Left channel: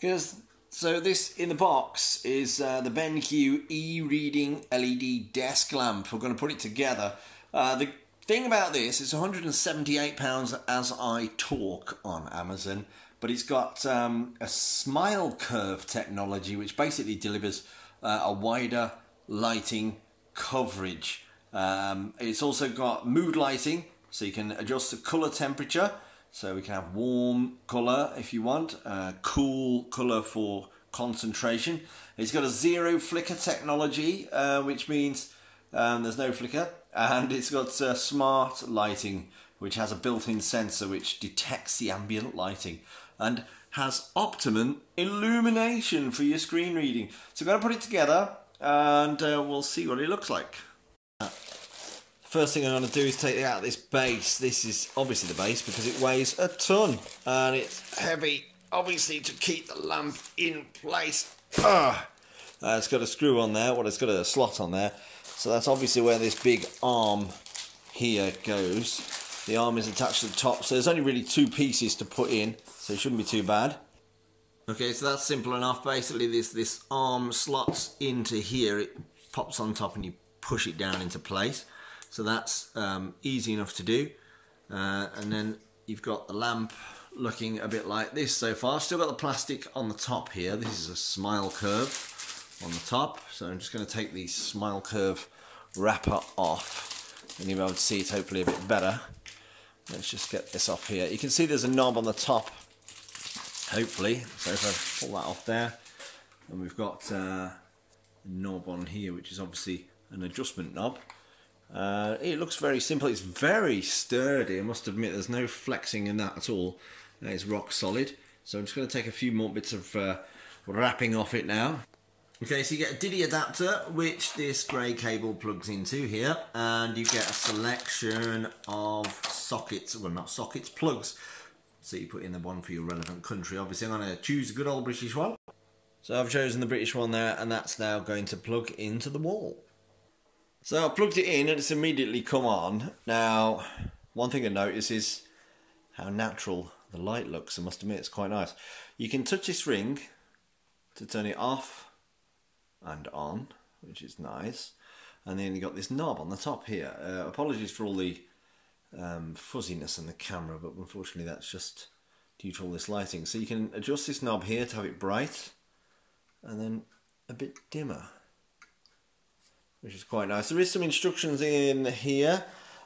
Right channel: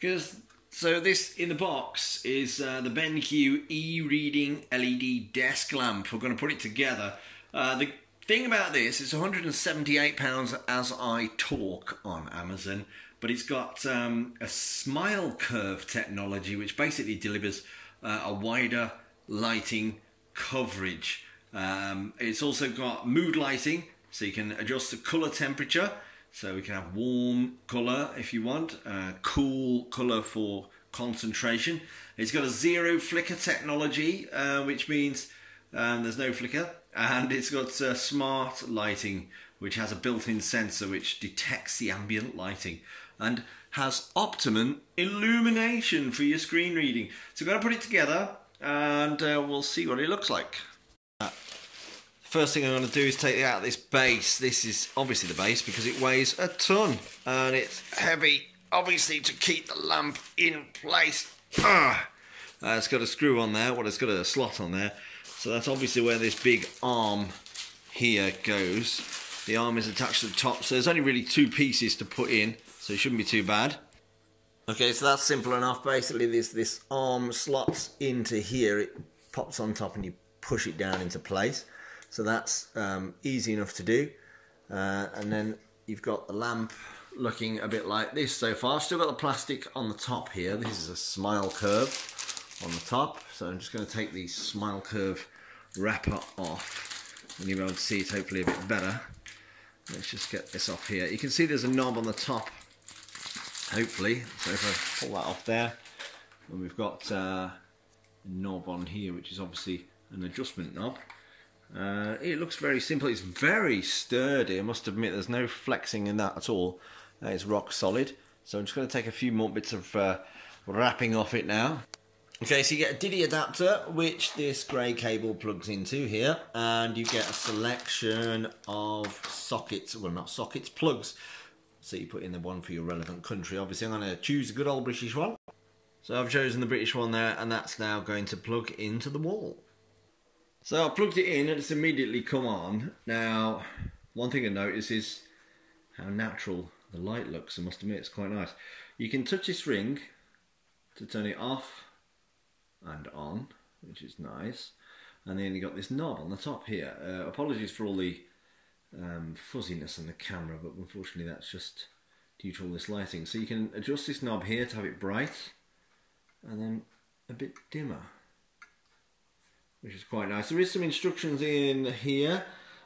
So this in the box is the BenQ e-reading LED desk lamp. We're going to put it together. The thing about this is £178 as I talk on Amazon, but it's got a smile curve technology which basically delivers a wider lighting coverage. It's also got mood lighting, so you can adjust the colour temperature. So we can have warm colour if you want, cool colour for concentration. It's got a zero flicker technology, which means there's no flicker. And it's got smart lighting, which has a built-in sensor which detects the ambient lighting. And has optimum illumination for your screen reading. So we're going to put it together and we'll see what it looks like. First thing I'm going to do is take out this base. This is obviously the base because it weighs a ton and it's heavy, obviously, to keep the lamp in place. It's got a screw on there, well, it's got a slot on there, so that's obviously where this big arm here goes. The arm is attached to the top, so there's only really two pieces to put in, so it shouldn't be too bad. Okay, so that's simple enough. Basically this arm slots into here, it pops on top and you push it down into place. So that's easy enough to do. And then you've got the lamp looking a bit like this so far. Still got the plastic on the top here. This is a smile curve on the top. So I'm just going to take the smile curve wrapper off. And you'll be able to see it hopefully a bit better. Let's just get this off here. You can see there's a knob on the top, hopefully. So if I pull that off there, and we've got a knob on here, which is obviously an adjustment knob. It looks very simple. It's very sturdy. I must admit there's no flexing in that at all. That is rock solid. So I'm just going to take a few more bits of wrapping off it now. Okay, so you get a DIDI adapter which this grey cable plugs into here, and you get a selection of sockets, well not sockets, plugs. So you put in the one for your relevant country. Obviously I'm going to choose a good old British one. So I've chosen the British one there, and that's now going to plug into the wall. So I plugged it in and it's immediately come on. Now, one thing I notice is how natural the light looks. I must admit, it's quite nice. You can touch this ring to turn it off and on, which is nice. And then you got this knob on the top here. Apologies for all the fuzziness in the camera, but unfortunately that's just due to all this lighting. So you can adjust this knob here to have it bright and then a bit dimmer, which is quite nice. There is some instructions in here.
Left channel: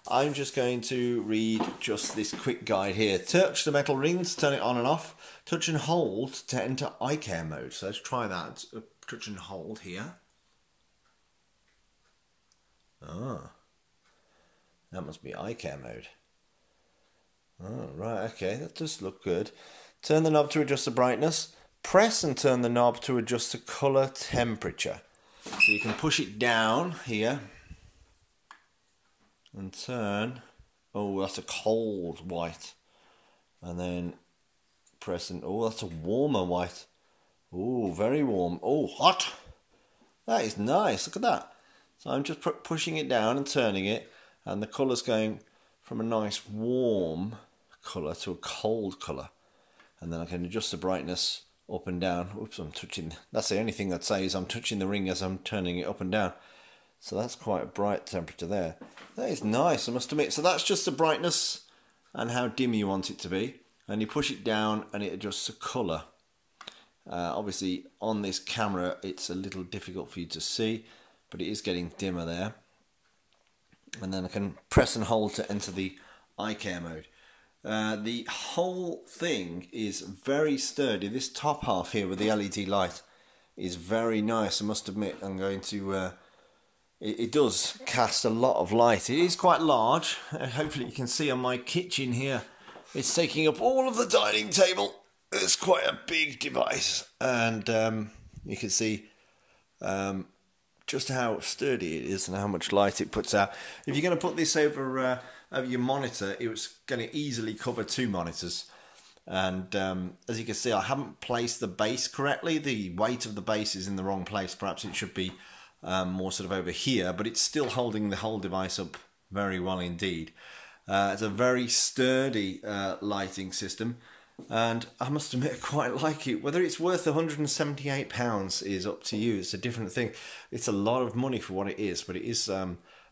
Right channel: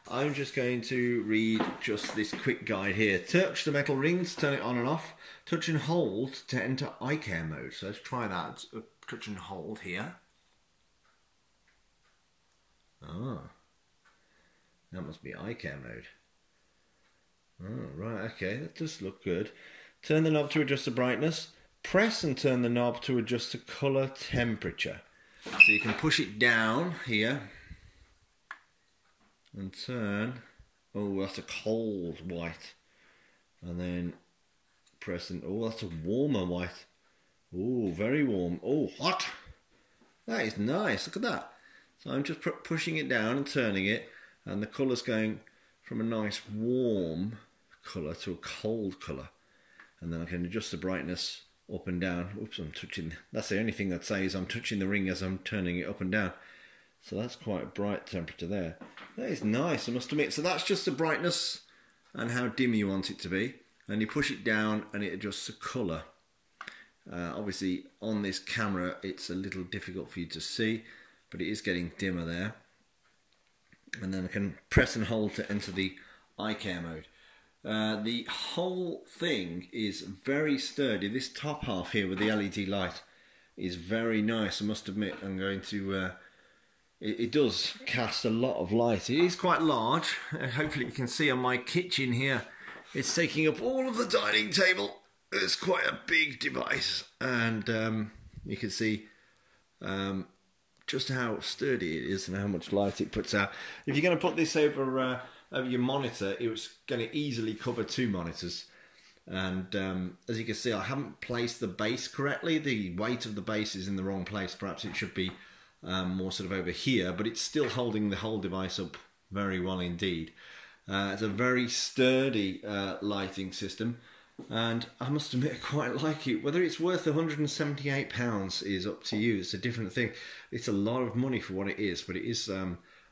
I'm just going to read just this quick guide here. Touch the metal ring to turn it on and off. Touch and hold to enter eye care mode. So let's try that. Touch and hold here. Ah, that must be eye care mode. Oh, right, okay, that does look good. Turn the knob to adjust the brightness. Press and turn the knob to adjust the colour temperature. So you can push it down here and turn. Oh, that's a cold white. And then press and, oh, that's a warmer white. Oh, very warm. Oh, hot. That is nice. Look at that. So I'm just pushing it down and turning it, and the colour's going from a nice warm colour to a cold colour. And then I can adjust the brightness up and down. Oops, I'm touching, that's the only thing I'd say is I'm touching the ring as I'm turning it up and down. So that's quite a bright temperature there. That is nice, I must admit. So that's just the brightness and how dim you want it to be. And you push it down and it adjusts the colour. Obviously on this camera it's a little difficult for you to see, but it is getting dimmer there. And then I can press and hold to enter the eye care mode. The whole thing is very sturdy. This top half here with the LED light is very nice, I must admit. I'm going to it does cast a lot of light. It is quite large. Hopefully you can see on my kitchen here it's taking up all of the dining table. It's quite a big device, and you can see just how sturdy it is and how much light it puts out. If you're going to put this over your monitor, it's going to easily cover two monitors. And as you can see, I haven't placed the base correctly. The weight of the base is in the wrong place. Perhaps it should be more sort of over here, but it's still holding the whole device up very well indeed. It's a very sturdy lighting system. And I must admit, I quite like it. Whether it's worth £178 is up to you. It's a different thing. It's a lot of money for what it is, but it is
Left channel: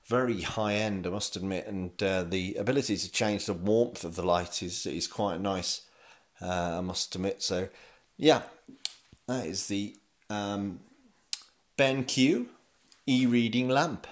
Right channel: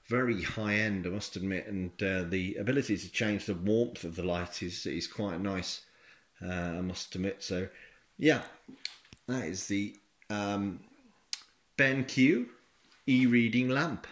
very high end, I must admit. And the ability to change the warmth of the light is quite nice, I must admit. So, yeah, that is the BenQ e-reading lamp.